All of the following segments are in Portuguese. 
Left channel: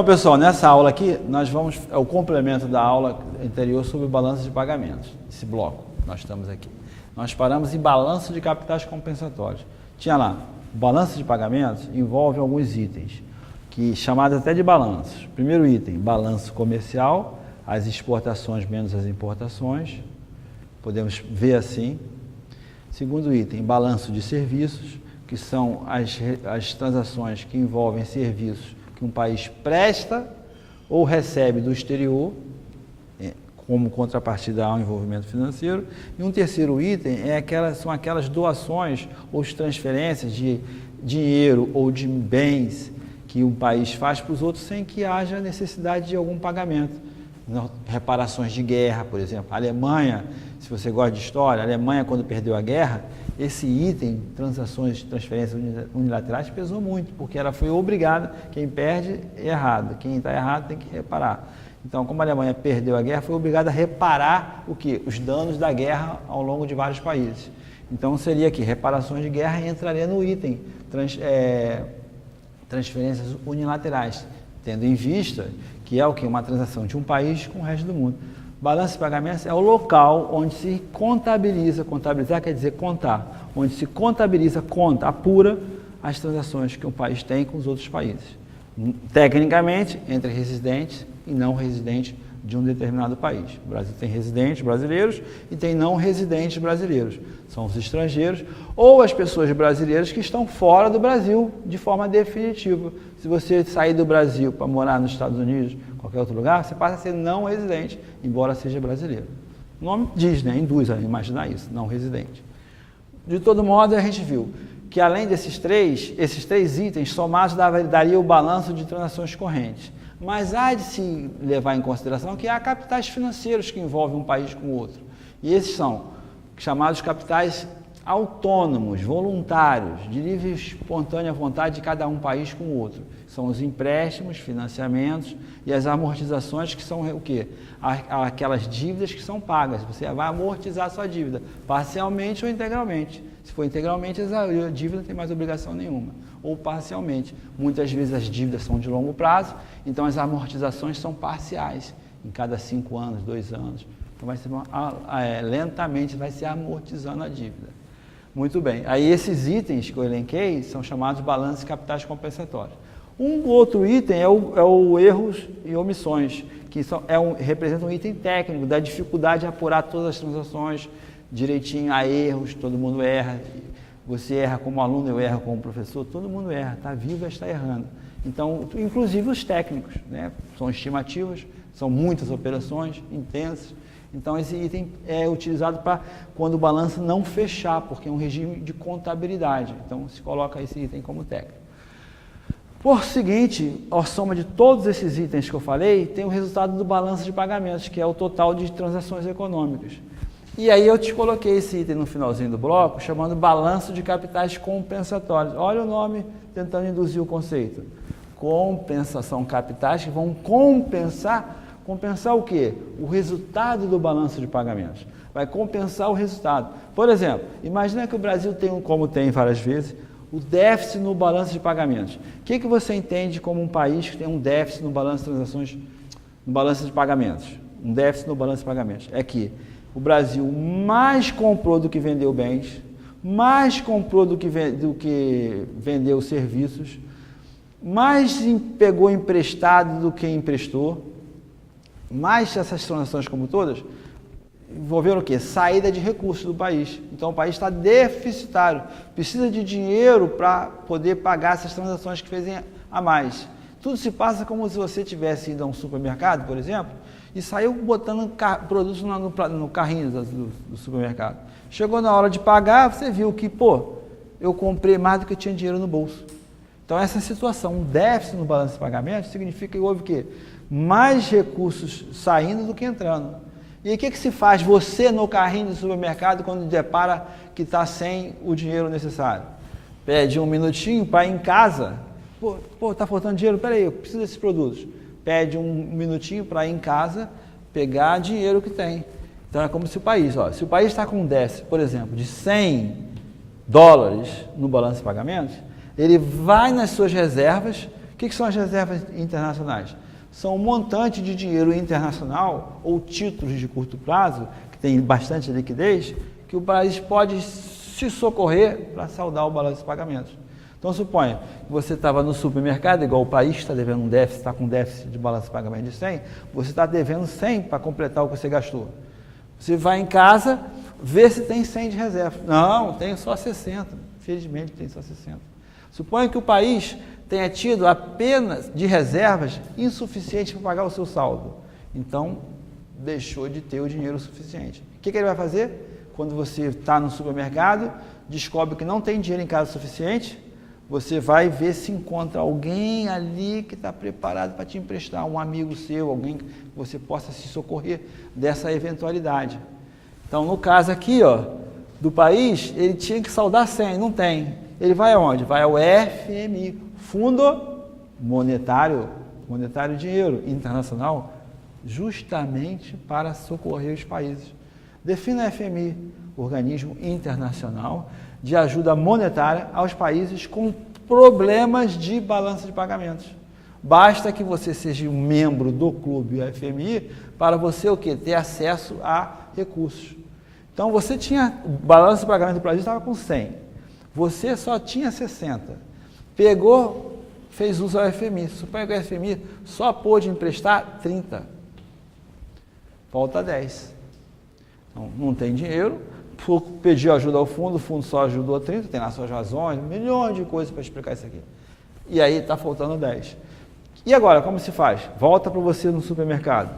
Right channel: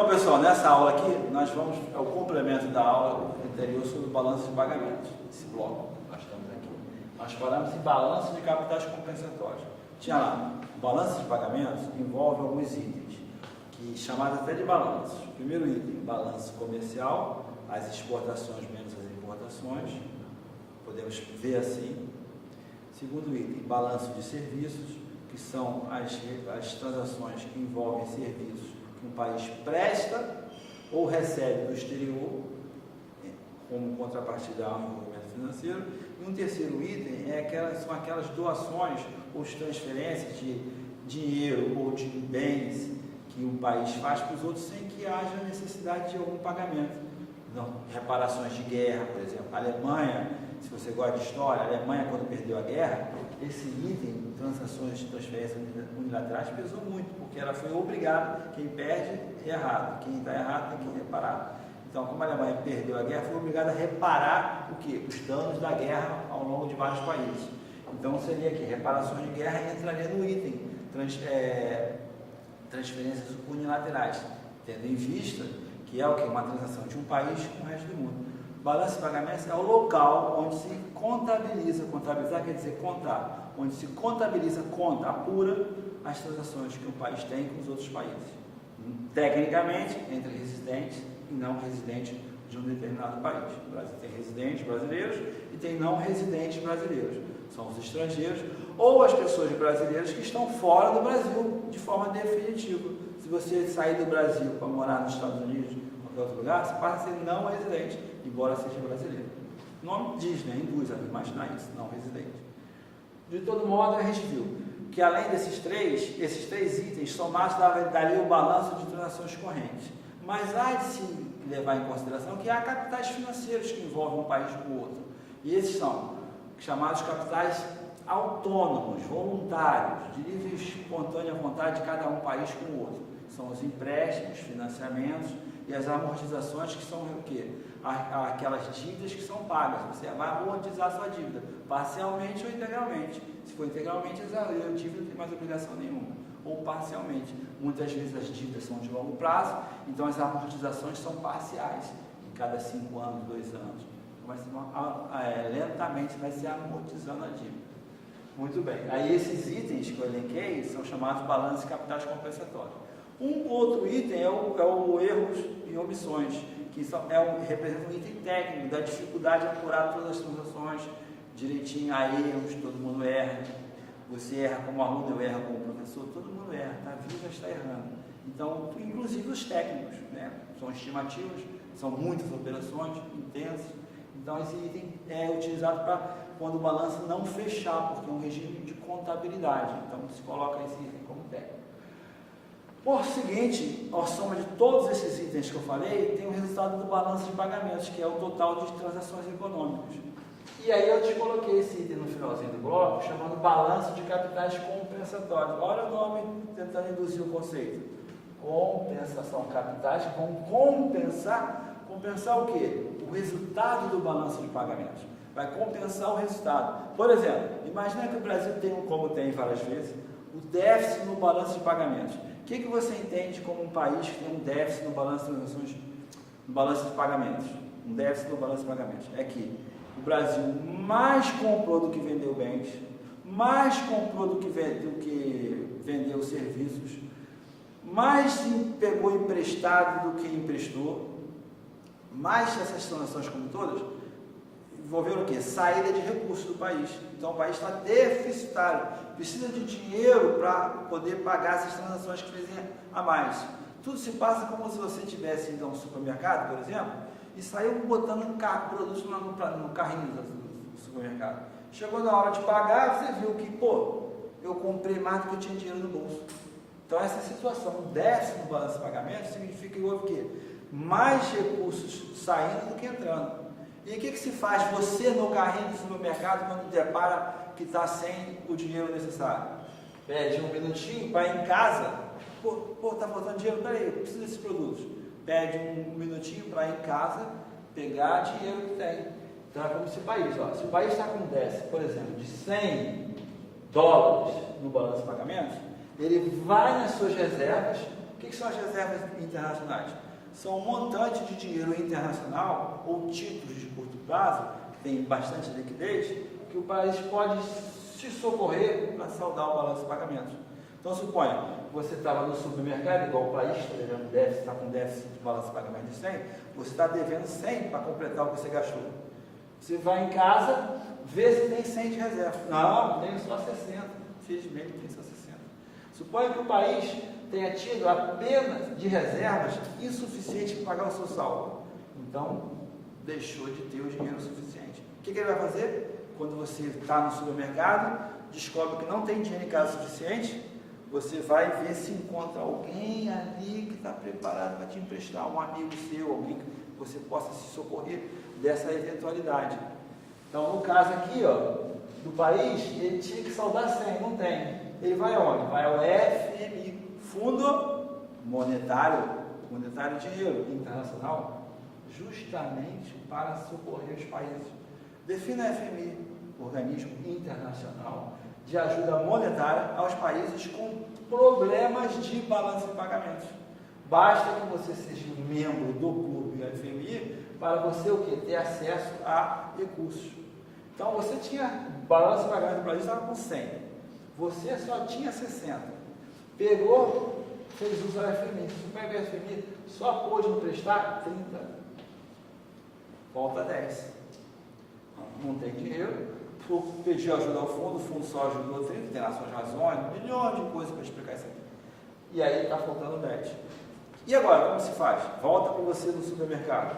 Então, pessoal, nessa aula aqui, é o complemento da aula anterior sobre balanço de pagamentos, esse bloco que nós estamos aqui. Nós paramos em balanço de capitais compensatórios. Tinha lá, o balanço de pagamentos envolve alguns itens, chamados até de balanços. Primeiro item, balanço comercial, as exportações menos as importações, podemos ver assim. Segundo item, balanço de serviços, que são as transações que envolvem serviços que um país presta ou recebe do exterior, como contrapartida ao envolvimento financeiro. E um terceiro item são aquelas doações ou transferências de dinheiro ou de bens que um país faz para os outros sem que haja necessidade de algum pagamento. Reparações de guerra, por exemplo. A Alemanha, se você gosta de história, a Alemanha, quando perdeu a guerra, esse item, transações, transferências unilaterais, pesou muito, porque ela foi obrigada, quem perde é errado, quem está errado tem que reparar. Então, como a Alemanha perdeu a guerra, foi obrigada a reparar o quê? Os danos da guerra ao longo de vários países. Então, seria aqui, reparações de guerra entraria no item, transferências unilaterais, tendo em vista que é o que? Uma transação de um país com o resto do mundo. Balanço de pagamentos é o local onde se contabiliza, contabilizar quer dizer contar, onde se contabiliza, conta, apura as transações que o país tem com os outros países. Tecnicamente, entre residentes e não residentes de um determinado país. O Brasil tem residentes brasileiros e tem não residentes brasileiros. São os estrangeiros ou as pessoas brasileiras que estão fora do Brasil de forma definitiva. Se você sair do Brasil para morar nos Estados Unidos, qualquer outro lugar, você passa a ser não residente, embora seja brasileiro. O nome diz, né? Induz a imaginar isso, não residente. De todo modo, a gente viu que além esses três itens somados daria o balanço de transações correntes. Mas há de se levar em consideração que há capitais financeiros que envolvem um país com o outro. E esses são chamados capitais autônomos, voluntários, de livre e espontânea vontade de cada um país com o outro. São os empréstimos, financiamentos e as amortizações, que são o quê? Aquelas dívidas que são pagas. Você vai amortizar a sua dívida, parcialmente ou integralmente. Se for integralmente, a dívida não tem mais obrigação nenhuma. Ou parcialmente. Muitas vezes as dívidas são de longo prazo, então as amortizações são parciais, em cada 5 anos, 2 anos. Então vai ser lentamente vai se amortizando a dívida. Muito bem. Aí esses itens que eu elenquei são chamados balanços de capitais compensatórios. Um outro item é o erros e omissões, que representa um item técnico da dificuldade de apurar todas as transações direitinho. Há erros, todo mundo erra. Você erra como aluno, eu erro como professor, todo mundo erra, está vivo, está errando. Então, inclusive os técnicos, né? São estimativas, são muitas operações intensas. Então, esse item é utilizado para quando o balanço não fechar, porque é um regime de contabilidade. Então, se coloca esse item como técnico. Por seguinte, a soma de todos esses itens que eu falei, tem o resultado do balanço de pagamentos, que é o total de transações econômicas. E aí eu te coloquei esse item no finalzinho do bloco, chamando balanço de capitais compensatórios. Olha o nome tentando induzir o conceito. Compensação, capitais que vão compensar. Compensar o quê? O resultado do balanço de pagamentos. Vai compensar o resultado. Por exemplo, imagina que o Brasil tem, como tem várias vezes, o déficit no balanço de pagamentos. O que você entende como um país que tem um déficit no balanço de transações, no balanço de pagamentos? Um déficit no balanço de pagamentos. É que o Brasil mais comprou do que vendeu bens, mais comprou do que vendeu serviços, mais pegou emprestado do que emprestou, mais essas transações como todas, envolveram o quê? Saída de recursos do país. Então o país está deficitário, precisa de dinheiro para poder pagar essas transações que fez a mais. Tudo se passa como se você tivesse ido a um supermercado, por exemplo, e saiu botando produtos no carrinho do supermercado. Chegou na hora de pagar, você viu que, eu comprei mais do que eu tinha dinheiro no bolso. Então essa situação, um déficit no balanço de pagamento, significa que houve o quê? Mais recursos saindo do que entrando. E o que se faz você no carrinho do supermercado quando depara que está sem o dinheiro necessário? Pede um minutinho para ir em casa. Pô, tá faltando dinheiro? Peraí, eu preciso desses produtos. Pede um minutinho para ir em casa, pegar dinheiro que tem. Então é como se o país, se o país está com um déficit, por exemplo, de 100 dólares no balanço de pagamentos, ele vai nas suas reservas. O que são as reservas internacionais? São um montante de dinheiro internacional ou títulos de curto prazo, que tem bastante liquidez, que o país pode se socorrer para saldar o balanço de pagamentos. Então, suponha que você estava no supermercado, igual o país está devendo um déficit, está com déficit de balanço de pagamento de 100, você está devendo 100 para completar o que você gastou. Você vai em casa, vê se tem 100 de reserva. Não, tem só 60. Infelizmente, tem só 60. Suponha que o país tenha tido apenas de reservas insuficientes para pagar o seu saldo. Então, deixou de ter o dinheiro suficiente. O que ele vai fazer? Quando você está no supermercado, descobre que não tem dinheiro em casa suficiente, você vai ver se encontra alguém ali que está preparado para te emprestar, um amigo seu, alguém que você possa se socorrer dessa eventualidade. Então, no caso aqui, do país, ele tinha que saldar 100, não tem. Ele vai aonde? Vai ao FMI, Fundo Monetário Dinheiro Internacional, justamente para socorrer os países. Defina a FMI, Organismo Internacional de Ajuda Monetária aos países com problemas de balanço de pagamentos. Basta que você seja um membro do clube FMI para você o quê? Ter acesso a recursos. Então você tinha balanço de pagamento do Brasil, estava com 100. Você só tinha 60. Pegou, fez uso ao FMI. Suponha que o FMI só pôde emprestar 30. Falta 10. Então, não tem dinheiro, pediu ajuda ao fundo, o fundo só ajudou 30, tem lá suas razões, milhões de coisas para explicar isso aqui. E aí está faltando 10. E agora, como se faz? Volta para você no supermercado.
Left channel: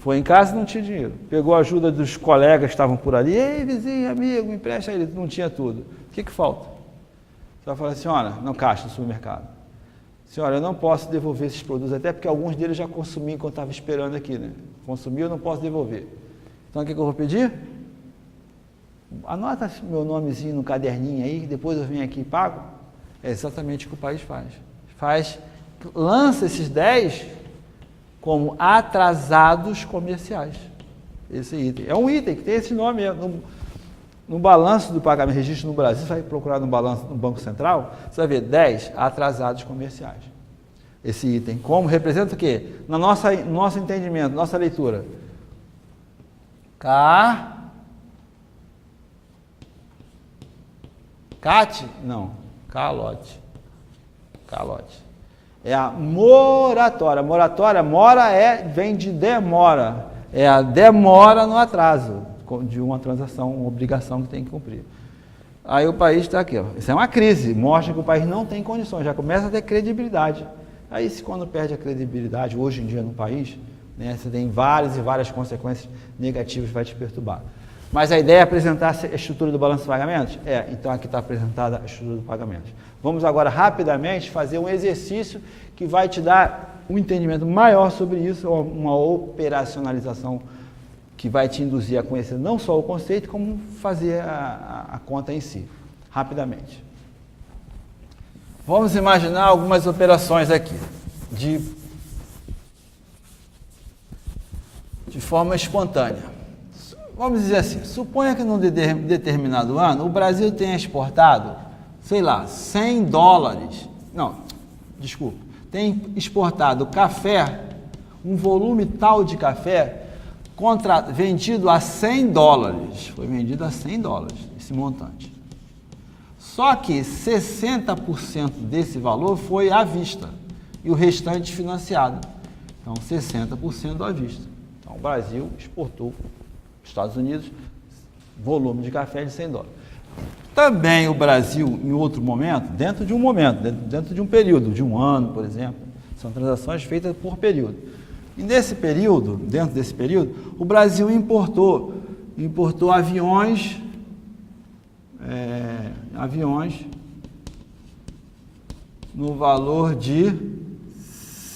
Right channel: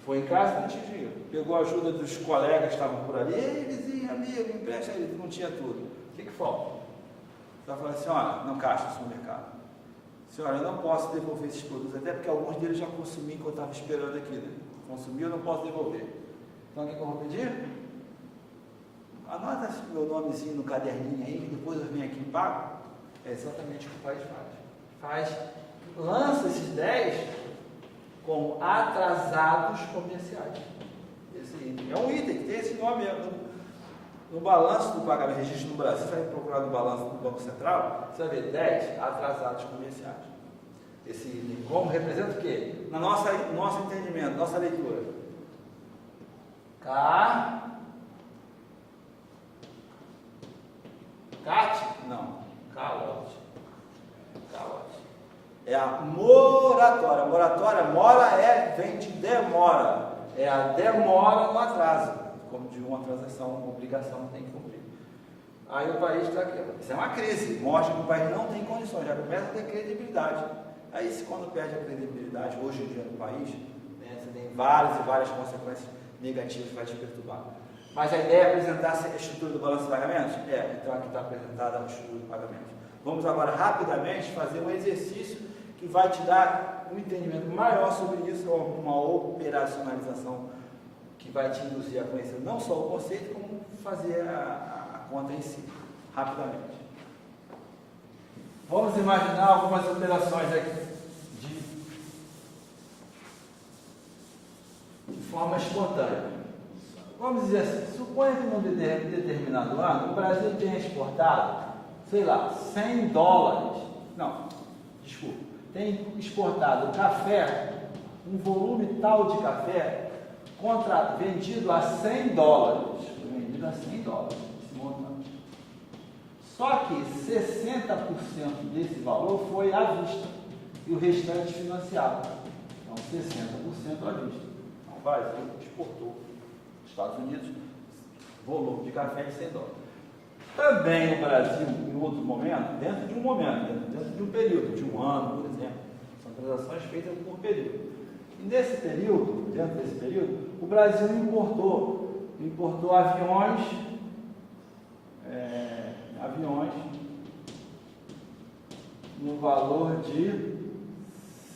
Foi em casa e não tinha dinheiro. Pegou a ajuda dos colegas que estavam por ali. Ei, vizinho, amigo, me empresta aí. Não tinha tudo. O que falta? Você vai falar assim, olha, no caixa do supermercado. Senhora, eu não posso devolver esses produtos, até porque alguns deles já consumi enquanto estava esperando aqui, né? Consumi, eu não posso devolver. Então, o que eu vou pedir? Anota meu nomezinho no caderninho aí, depois eu venho aqui e pago. É exatamente o que o país faz. Lança esses 10 como atrasados comerciais. Esse item. É um item que tem esse nome no balanço do pagamento, registro no Brasil, você vai procurar no balanço do Banco Central, você vai ver 10 atrasados comerciais. Esse item, como representa o quê? No nosso entendimento, nossa leitura. Calote. É a moratória. Moratória, vem de demora. É a demora no atraso de uma transação, uma obrigação que tem que cumprir. Aí o país está aqui, Isso é uma crise, mostra que o país não tem condições, já começa a ter credibilidade. Aí, quando perde a credibilidade, hoje em dia no país, né, você tem várias e várias consequências negativas que vai te perturbar. Mas a ideia é apresentar a estrutura do balanço de pagamentos? Então aqui está apresentada a estrutura do pagamento. Vamos agora rapidamente fazer um exercício que vai te dar um entendimento maior sobre isso, uma operacionalização que vai te induzir a conhecer não só o conceito, como fazer a conta em si, rapidamente. Vamos imaginar algumas operações aqui, de forma espontânea. Vamos dizer assim, suponha que num determinado ano o Brasil tenha exportado, sei lá, 100 dólares, tem exportado café, um volume tal de café, vendido a 100 dólares, foi vendido a 100 dólares, esse montante. Só que 60% desse valor foi à vista e o restante financiado. Então, 60% à vista. Então, o Brasil exportou Estados Unidos, volume de café de 100 dólares. Também o Brasil, em outro momento, dentro de um período, de um ano, por exemplo, são transações feitas por período. E dentro desse período, o Brasil importou aviões no valor de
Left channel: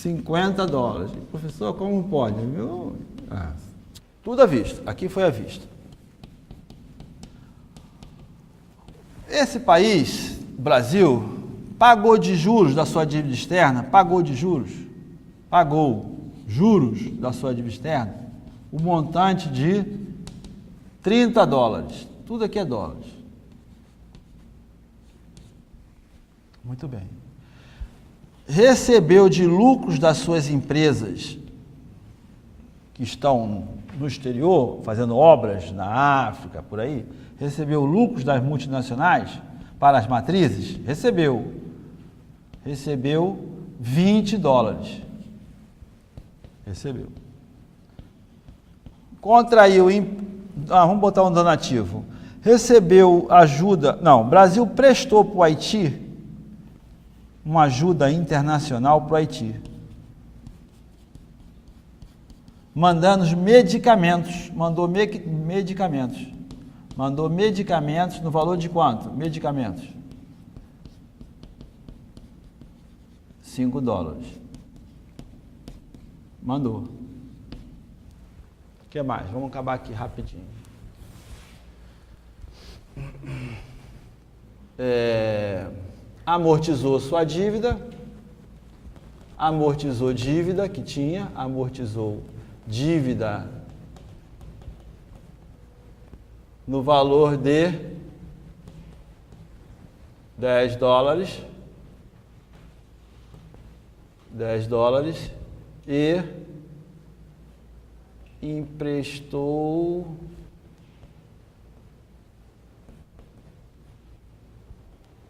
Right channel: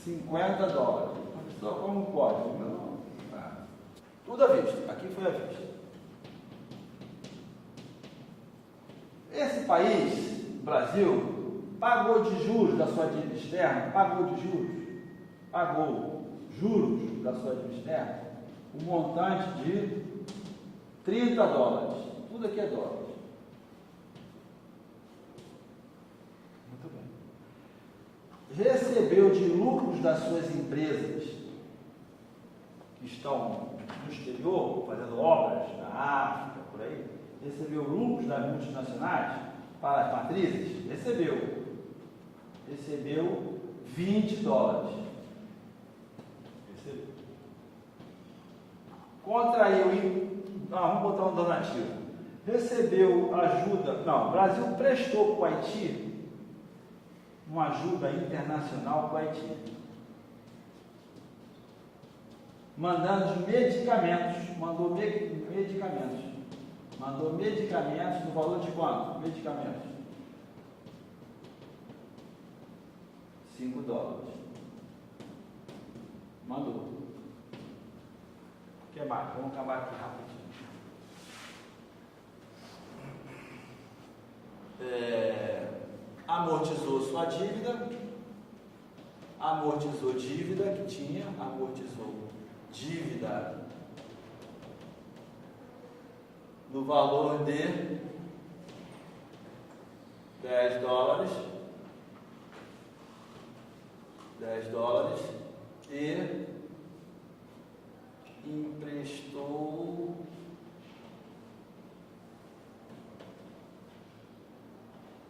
50 dólares. Professor, como pode? Tudo à vista. Aqui foi à vista. Esse país, Brasil, pagou de juros da sua dívida externa, pagou juros da sua dívida externa, o montante de 30 dólares. Tudo aqui é dólares. Muito bem. Recebeu de lucros das suas empresas que estão no exterior, fazendo obras na África, por aí, recebeu lucros das multinacionais para as matrizes? Recebeu 20 dólares. Recebeu. Contraiu, vamos botar um donativo. Recebeu ajuda, não, o Brasil prestou para o Haiti uma ajuda internacional para o Haiti. Mandando medicamentos, mandou medicamentos no valor de quanto? Medicamentos. 5 dólares. Mandou. O que mais? Vamos acabar aqui rapidinho. Amortizou sua dívida, amortizou dívida que tinha, amortizou dívida no valor de 10 dólares e emprestou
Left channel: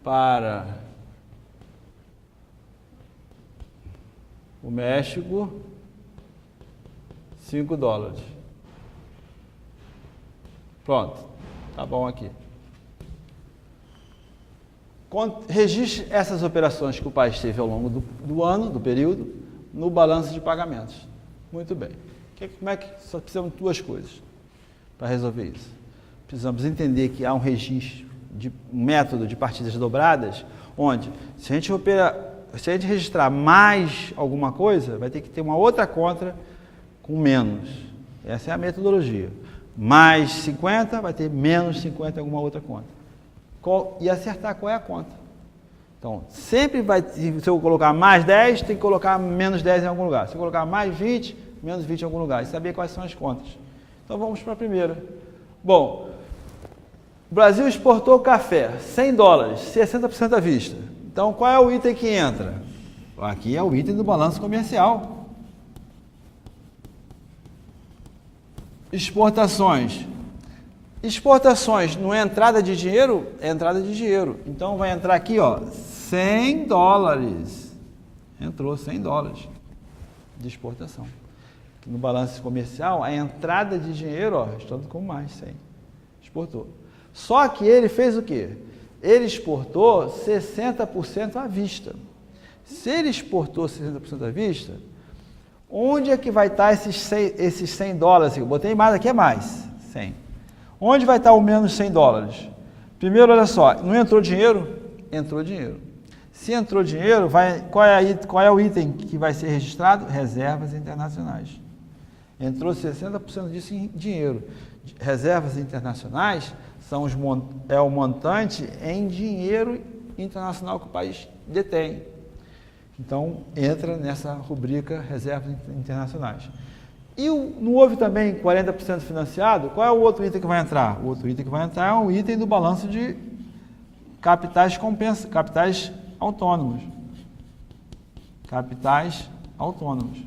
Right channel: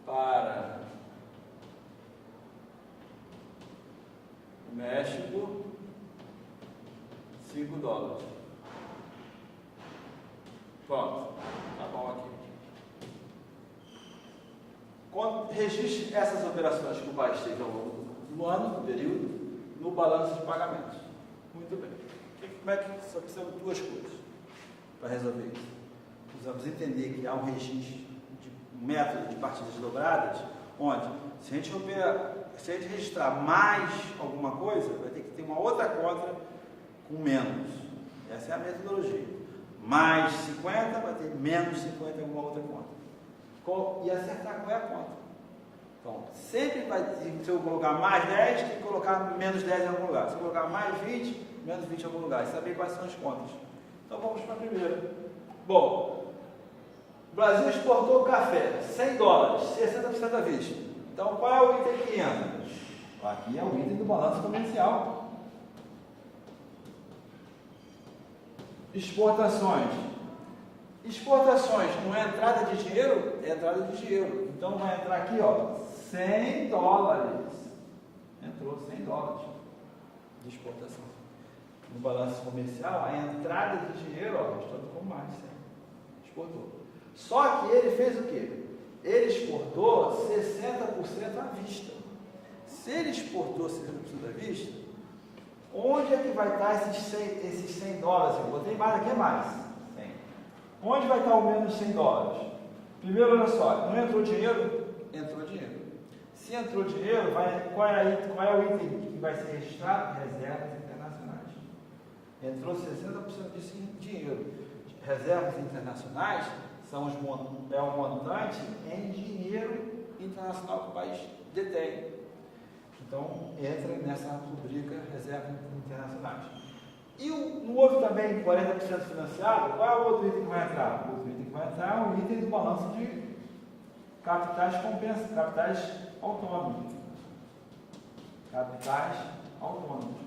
para o México 5 dólares. Pronto, tá bom aqui. Registre essas operações que o país teve ao longo do ano, do período, no balanço de pagamentos. Muito bem. Como é que só precisamos de duas coisas para resolver isso? Precisamos entender que há um registro, um método de partidas dobradas, onde se a gente registrar mais alguma coisa, vai ter que ter uma outra conta com menos. Essa é a metodologia. Mais 50 vai ter menos 50 em alguma outra conta. E acertar qual é a conta. Então, sempre vai, se eu colocar mais 10, tem que colocar menos 10 em algum lugar. Se eu colocar mais 20, menos 20 em algum lugar. E saber quais são as contas. Então, vamos para a primeira. Bom, o Brasil exportou café, 100 dólares, 60% à vista. Então, qual é o item que entra? Aqui é o item do balanço comercial. Exportações. Exportações não é entrada de dinheiro? É entrada de dinheiro. Então vai entrar aqui, ó, 100 dólares. Entrou 100 dólares de exportação. No balanço comercial, a entrada de dinheiro, ó, estamos com mais 100. Exportou. Só que ele fez o quê? Ele exportou 60% à vista. Se ele exportou 60% à vista, onde é que vai estar esses 100 dólares? Eu botei mais, aqui é mais, 100. Onde vai estar o menos 100 dólares? Primeiro, olha só, não entrou dinheiro? Entrou dinheiro. Se entrou dinheiro, qual é o item que vai ser registrado? Reservas internacionais. Entrou 60% disso em dinheiro. Reservas internacionais é o montante em dinheiro internacional que o país detém. Então, entra nessa rubrica reservas internacionais. E não houve também 40% financiado? Qual é o outro item que vai entrar? O outro item que vai entrar é o item do balanço de capitais autônomos. Capitais autônomos.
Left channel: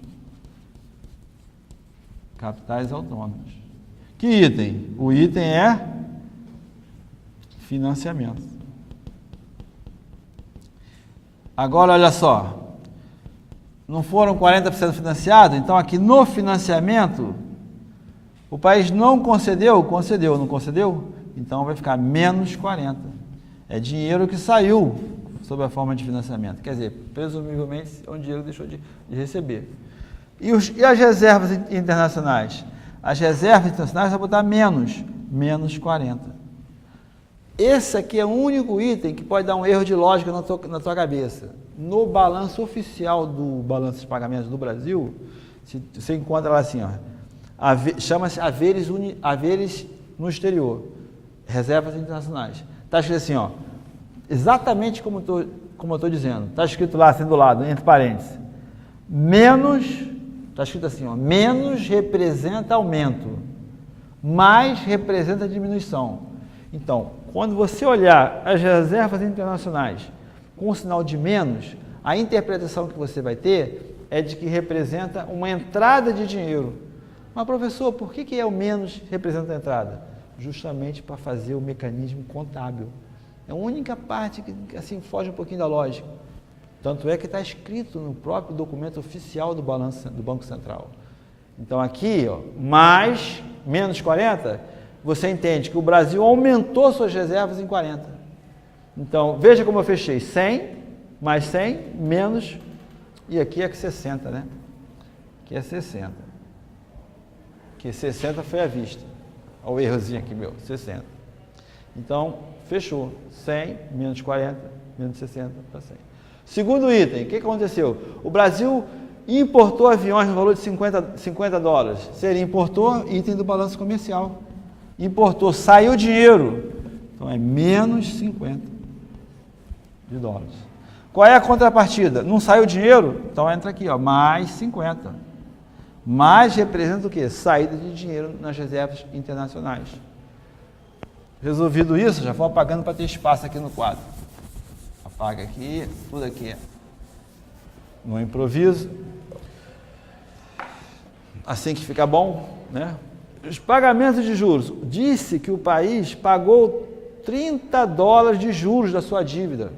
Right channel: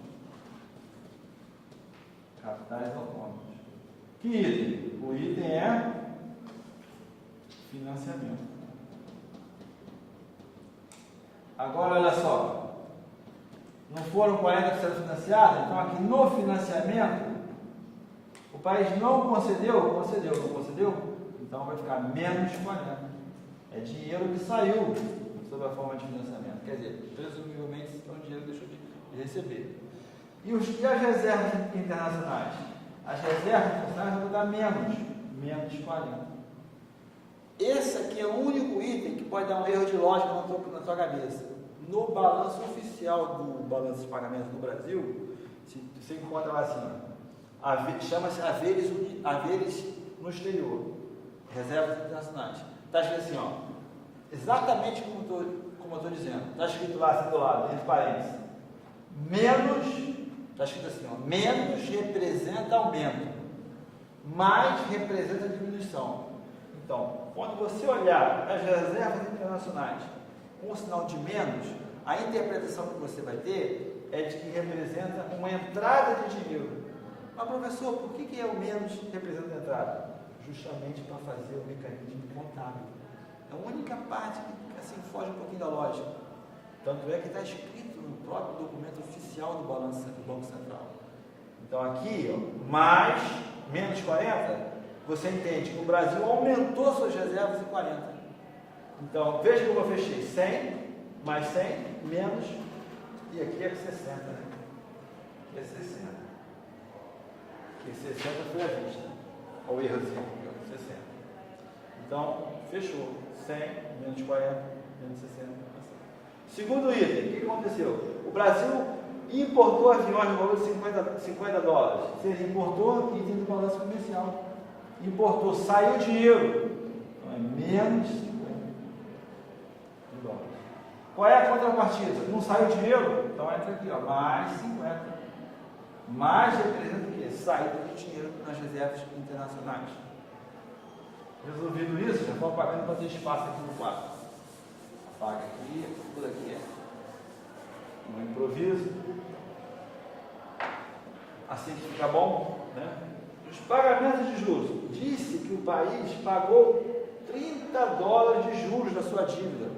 Que item? O item é financiamento. Agora, olha só. Não foram 40% financiados? Então, aqui no financiamento, o país não concedeu? Concedeu, não concedeu? Então, vai ficar menos 40. É dinheiro que saiu sob a forma de financiamento. Quer dizer, presumivelmente, é um dinheiro que deixou de receber. E as reservas internacionais? As reservas internacionais vai botar menos 40. Esse aqui é o único item que pode dar um erro de lógica na tua cabeça. No balanço oficial do balanço de pagamentos do Brasil, você encontra lá assim, ó, chama-se haveres no exterior, reservas internacionais. Está escrito assim, ó, exatamente como eu estou dizendo. Está escrito lá, assim do lado, entre parênteses. Menos, está escrito assim, ó, menos representa aumento, mais representa diminuição. Então, quando você olhar as reservas internacionais com o sinal de menos, a interpretação que você vai ter é de que representa uma entrada de dinheiro. Mas, professor, por que é o menos representa a entrada? Justamente para fazer o mecanismo contábil. É a única parte que assim foge um pouquinho da lógica. Tanto é que está escrito no próprio documento oficial do balanço do Banco Central. Então aqui, ó, mais, menos 40, você entende que o Brasil aumentou suas reservas em 40. Então, veja como eu fechei, 100, mais 100, menos, e aqui é 60, né? Aqui é 60. Aqui 60 foi à vista. Olha o errozinho aqui, meu, 60. Então, fechou. 100, menos 40, menos 60, para 100. Segundo item, o que aconteceu? O Brasil importou aviões no valor de 50 dólares. Seria importou item do balanço comercial. Importou, saiu dinheiro. Então, é menos 50 de dólares. Qual é a contrapartida? Não saiu dinheiro? Então, entra aqui, ó, mais 50. Mais representa o quê? Saída de dinheiro nas reservas internacionais. Resolvido isso, já vou apagando para ter espaço aqui no quadro. Apaga aqui, tudo aqui. No improviso. Assim que fica bom, né? Os pagamentos de juros. Disse que o país pagou 30 dólares de juros da sua dívida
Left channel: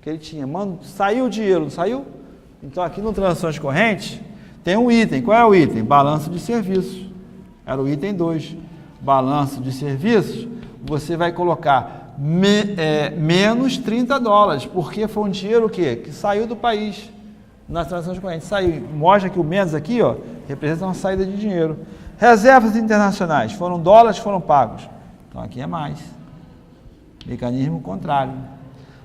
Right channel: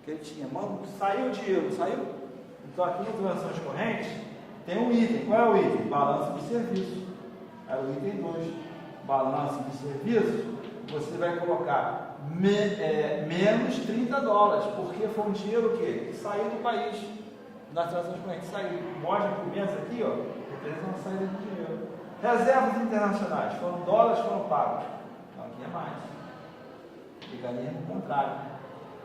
que ele tinha. Mano, saiu o dinheiro, não saiu? Então aqui no transações correntes tem um item. Qual é o item? Balanço de serviços. Era o item 2. Balanço de serviços. Você vai colocar menos 30 dólares, porque foi um dinheiro o quê? Que saiu do país nas transações correntes. Saiu. Mostra que o menos aqui, ó, representa uma saída de dinheiro. Reservas internacionais, foram dólares, foram pagos. Então aqui é mais. Mecanismo contrário.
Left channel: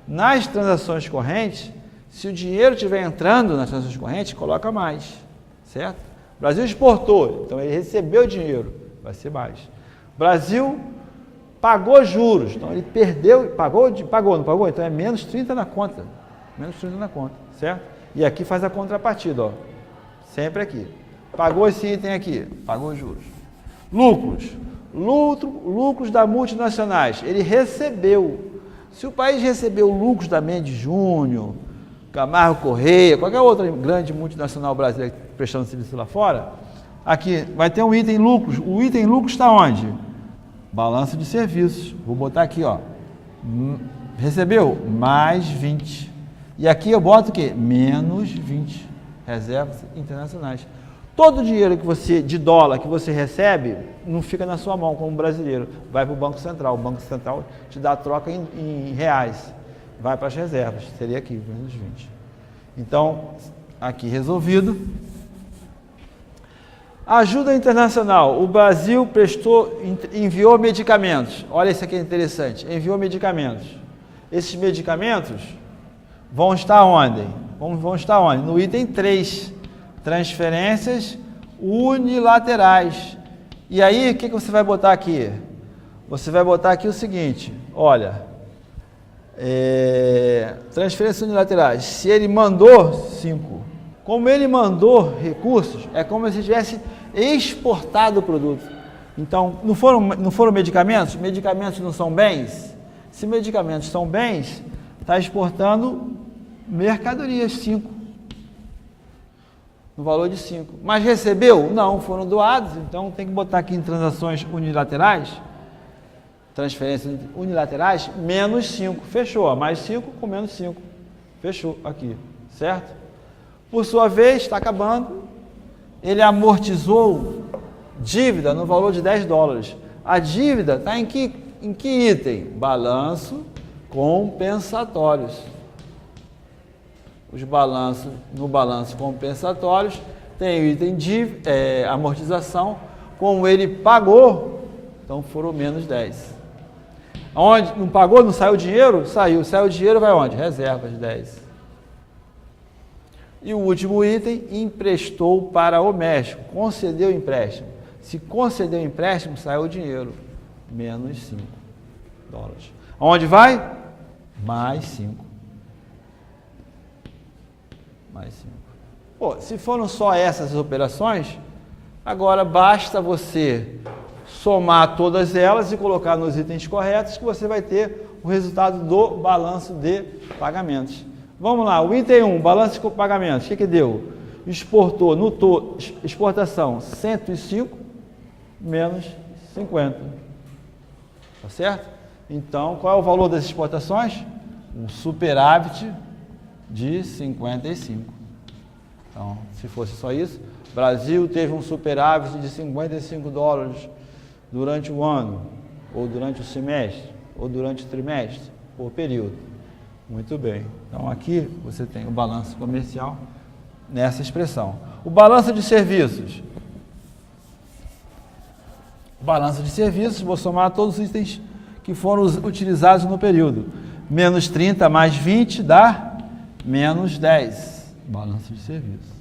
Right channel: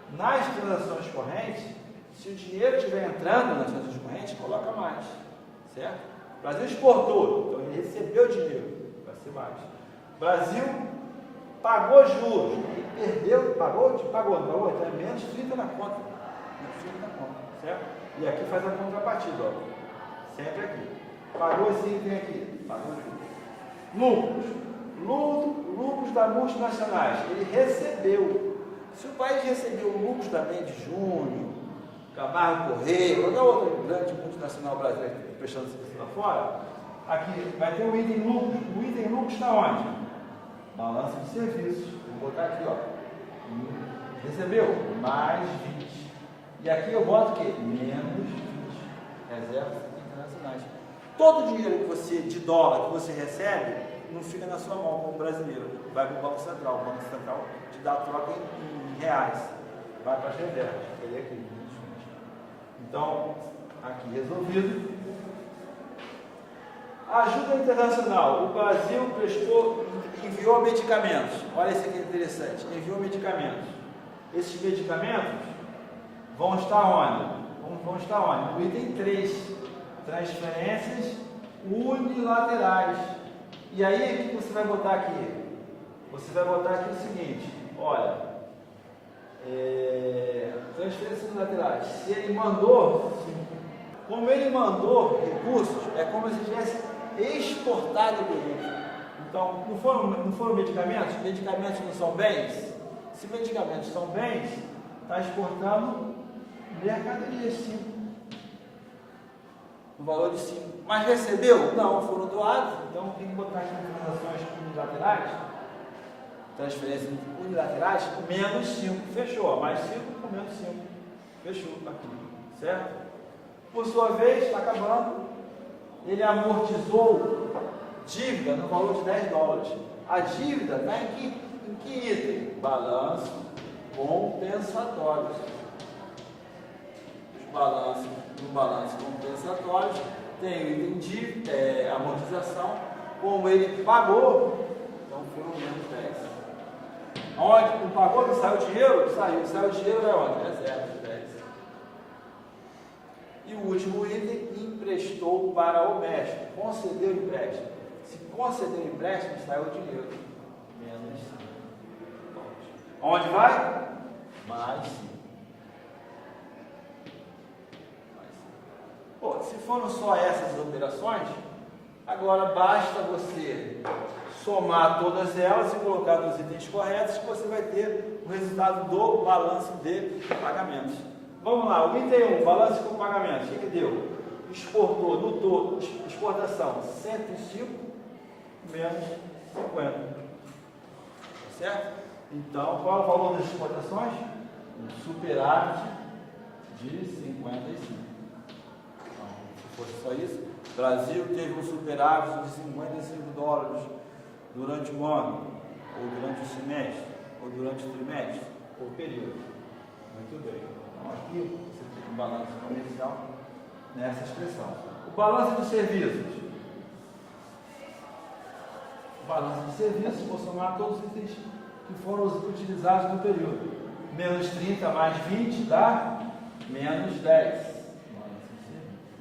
Nas transações correntes, se o dinheiro estiver entrando nas transações correntes, coloca mais. Certo? O Brasil exportou, então ele recebeu dinheiro, vai ser mais. O Brasil pagou juros, então ele perdeu, pagou, não pagou? Então é menos 30 na conta. Menos 30 na conta, certo? E aqui faz a contrapartida, ó. Sempre aqui. Pagou esse item aqui, pagou juros. Lucros. Lucros da multinacionais. Ele recebeu. Se o país recebeu lucros da Mendes Júnior, Camargo Correia, qualquer outra grande multinacional brasileira prestando serviço lá fora, aqui vai ter um item lucros. O item lucros está onde? Balanço de serviços. Vou botar aqui, ó. Recebeu? Mais 20. E aqui eu boto o quê? Menos 20. Reservas internacionais. Todo o dinheiro que você, de dólar que você recebe, não fica na sua mão como brasileiro. Vai para o Banco Central. O Banco Central te dá a troca em reais. Vai para as reservas. Seria aqui, menos 20. Então, aqui resolvido. Ajuda internacional. O Brasil enviou medicamentos. Olha, isso aqui é interessante. Enviou medicamentos. Esses medicamentos vão estar onde? Vão estar onde? No item 3. Transferências unilaterais. E aí, o que você vai botar aqui? Você vai botar aqui o seguinte, olha, transferências unilaterais. Se ele mandou 5, como ele mandou recursos, é como se tivesse exportado o produto. Então, não foram medicamentos? Medicamentos não são bens? Se medicamentos são bens, está exportando mercadorias, 5. No valor de 5. Mas recebeu? Não, foram doados, então tem que botar aqui em transações unilaterais, transferências unilaterais, menos 5. Fechou, mais 5 com menos 5. Fechou aqui, certo? Por sua vez, está acabando, ele amortizou dívida no valor de 10 dólares. A dívida está em que item? Balanço compensatórios. Os balanços, no balanço compensatórios, tem o item de amortização, como ele pagou, então foram menos 10. Onde não pagou, não saiu dinheiro? Saiu. Saiu dinheiro, vai onde? Reservas, 10. E o último item, emprestou para o México, concedeu empréstimo. Se conceder o empréstimo, sai o dinheiro, menos 5 dólares. Onde vai? Mais 5. Mais 5. Pô, se foram só essas operações, agora basta você somar todas elas e colocar nos itens corretos que você vai ter o resultado do balanço de pagamentos. Vamos lá, o item 1, balanço de pagamentos, o que deu? Exportou, no todo, exportação 105 menos 50. Tá certo? Então, qual é o valor das exportações? Um superávit de 55. Então, se fosse só isso, o Brasil teve um superávit de 55 dólares durante o ano, ou durante o semestre, ou durante o trimestre, ou período. Muito bem. Então, aqui você tem o balanço comercial nessa expressão. O balanço de serviços. O balanço de serviços, vou somar todos os itens que foram utilizados no período. Menos 30 mais 20 dá menos 10. Balanço de serviços.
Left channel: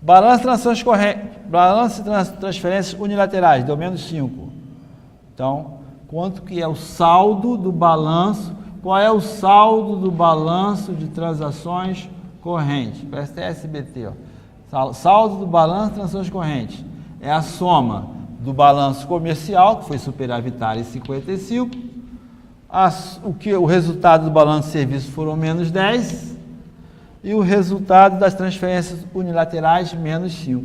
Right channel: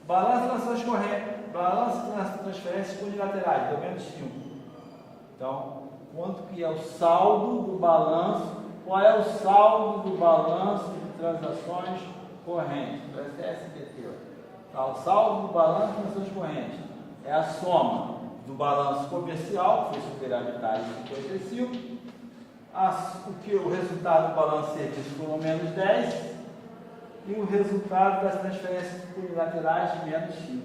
Balanço de transações correntes, balanço de transferências unilaterais, deu menos 5. Então, quanto que é o saldo do balanço? Qual é o saldo do balanço de transações correntes? Parece SBT, ó. Saldo do balanço de transações correntes é a soma do balanço comercial, que foi superavitário, 55. O resultado do balanço de serviços foram menos 10. E o resultado das transferências unilaterais, menos 5.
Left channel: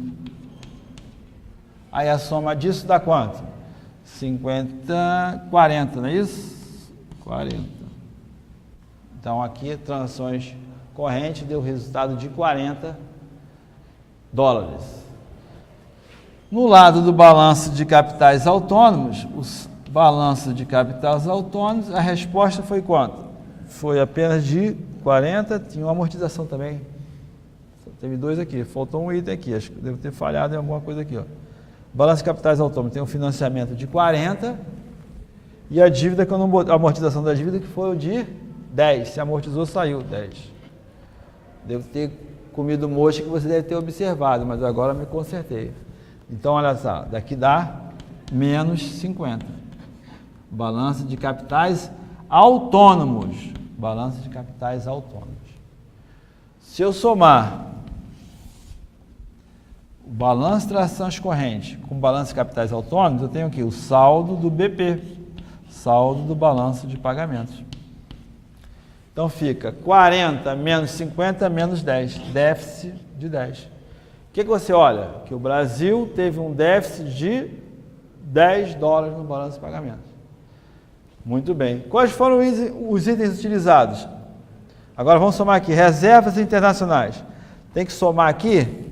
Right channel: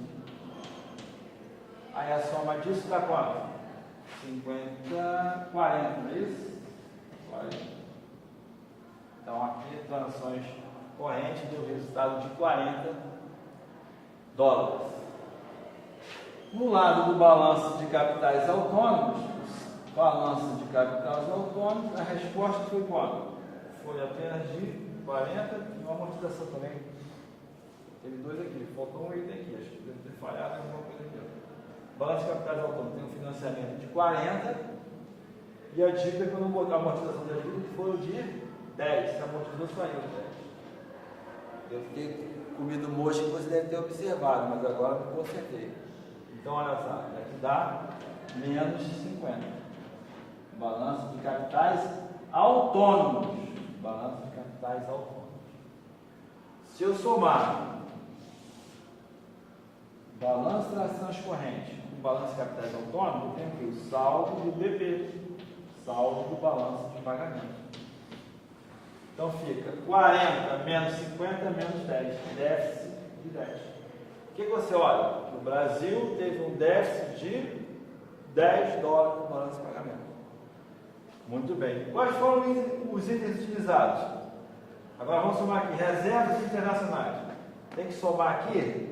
Aí a soma disso dá quanto? 40, não é isso? 40. Então aqui, transações correntes deu resultado de 40 dólares. No lado do balanço de capitais autônomos, os balanços de capitais autônomos, a resposta foi quanto? Foi apenas de 40, tinha uma amortização também. Teve 2 aqui, faltou um item aqui, acho que deve ter falhado em alguma coisa aqui, ó. Balanço de capitais autônomos tem um financiamento de 40 e a dívida que eu não botei, a amortização da dívida que foi o de 10, se amortizou saiu 10. Devo ter comido mosca que você deve ter observado, mas agora me consertei. Então olha só, daqui dá menos 50. Balanço de capitais autônomos. Balanço de capitais autônomos. Se eu somar o balanço de transações correntes com o balanço de capitais autônomos, eu tenho aqui o saldo do BP, saldo do balanço de pagamentos. Então fica 40 menos 50 menos 10, déficit de 10. O que você olha? Que o Brasil teve um déficit de 10 dólares no balanço de pagamentos. Muito bem. Quais foram os itens utilizados? Agora vamos somar aqui. Reservas internacionais. Tem que somar aqui.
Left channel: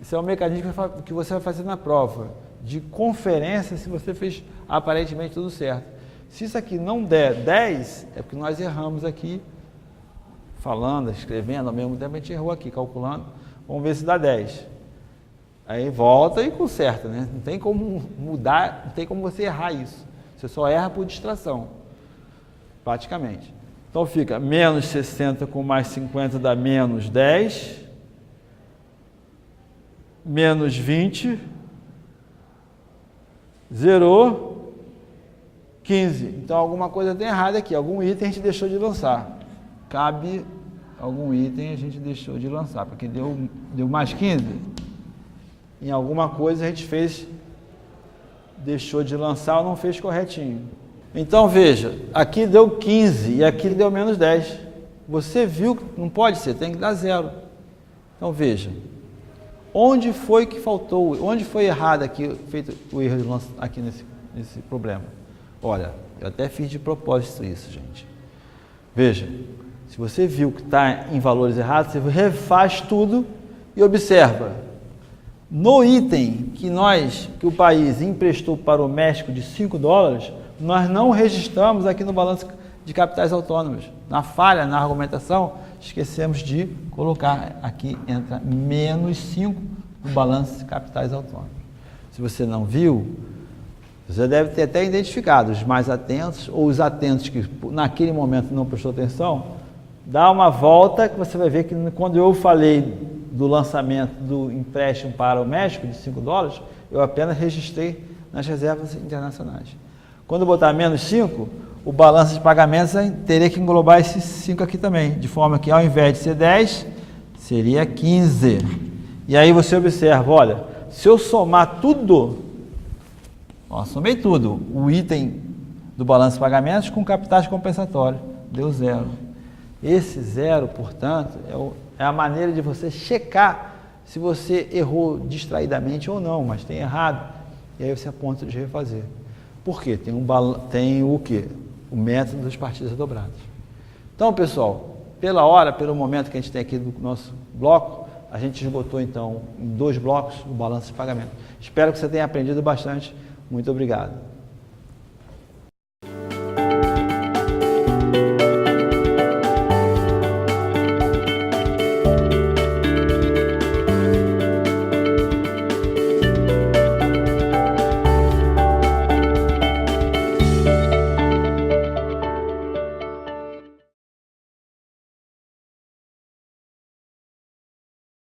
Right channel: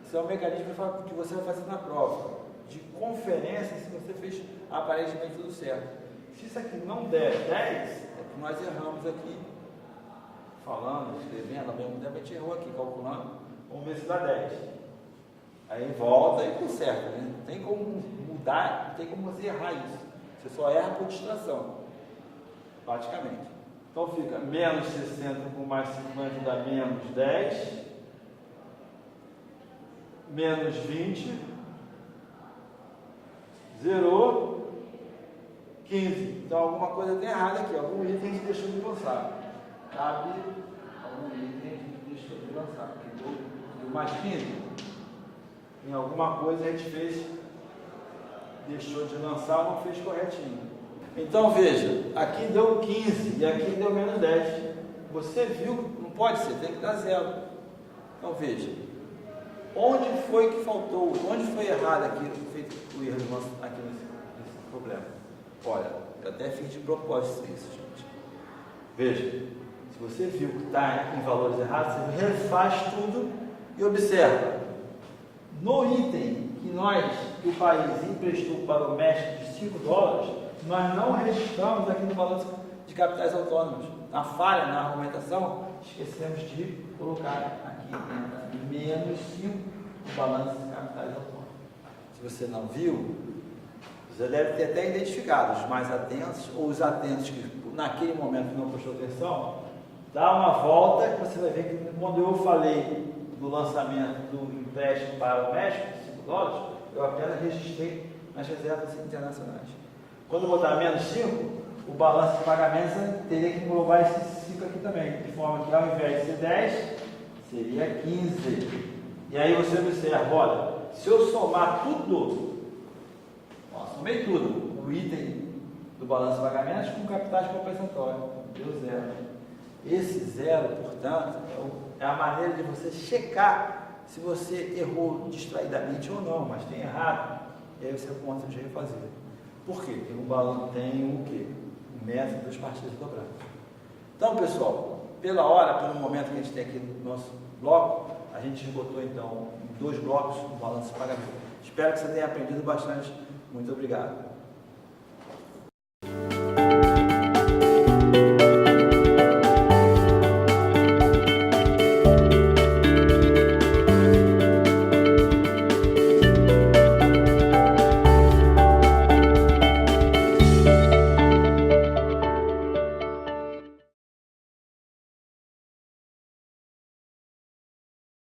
Esse é um mecanismo que você vai fazer na prova. De conferência, se você fez aparentemente tudo certo. Se isso aqui não der 10, é porque nós erramos aqui. Falando, escrevendo, ao mesmo tempo a gente errou aqui, calculando. Vamos ver se dá 10. Aí volta e conserta, né? Não tem como mudar, não tem como você errar isso. Você só erra por distração, praticamente. Então fica menos 60 com mais 50 dá menos 10. Menos 20. Zerou. 15. Então alguma coisa tem errada aqui. Algum item a gente deixou de lançar. Cabe algum item a gente deixou de lançar. Porque deu mais 15. Em alguma coisa a gente deixou de lançar ou não fez corretinho. Então veja, aqui deu 15 e aqui deu menos 10. Você viu que não pode ser, tem que dar 0. Então veja, onde foi que faltou, onde foi errado aqui, feito o erro aqui nesse problema? Olha, eu até fiz de propósito isso, gente. Veja, se você viu que está em valores errados, você refaz tudo e observa. No item que o país emprestou para o México de 5 dólares, nós não registramos aqui no balanço de capitais autônomos. Na falha, na argumentação, esquecemos de colocar aqui, entra menos 5 no balanço de capitais autônomos. Se você não viu, você deve ter até identificado os mais atentos ou os atentos que naquele momento não prestou atenção. Dá uma volta que você vai ver que quando eu falei do lançamento do empréstimo para o México de 5 dólares, eu apenas registrei nas reservas internacionais. Quando botar menos 5, o balanço de pagamentos teria que englobar esses 5 aqui também, de forma que ao invés de ser 10, seria 15. E aí você observa, olha, se eu somar tudo, ó, somei tudo, o item do balanço de pagamentos com capitais compensatórios, deu 0. Esse 0, portanto, é a maneira de você checar se você errou distraidamente ou não, mas tem errado, e aí você aponta de refazer. Por quê? Tem o quê? O método das partidas dobradas. Então, pessoal, pela hora, pelo momento que a gente tem aqui no nosso bloco, a gente esgotou, então, em 2 blocos o balanço de pagamento. Espero que você tenha aprendido bastante. Muito obrigado.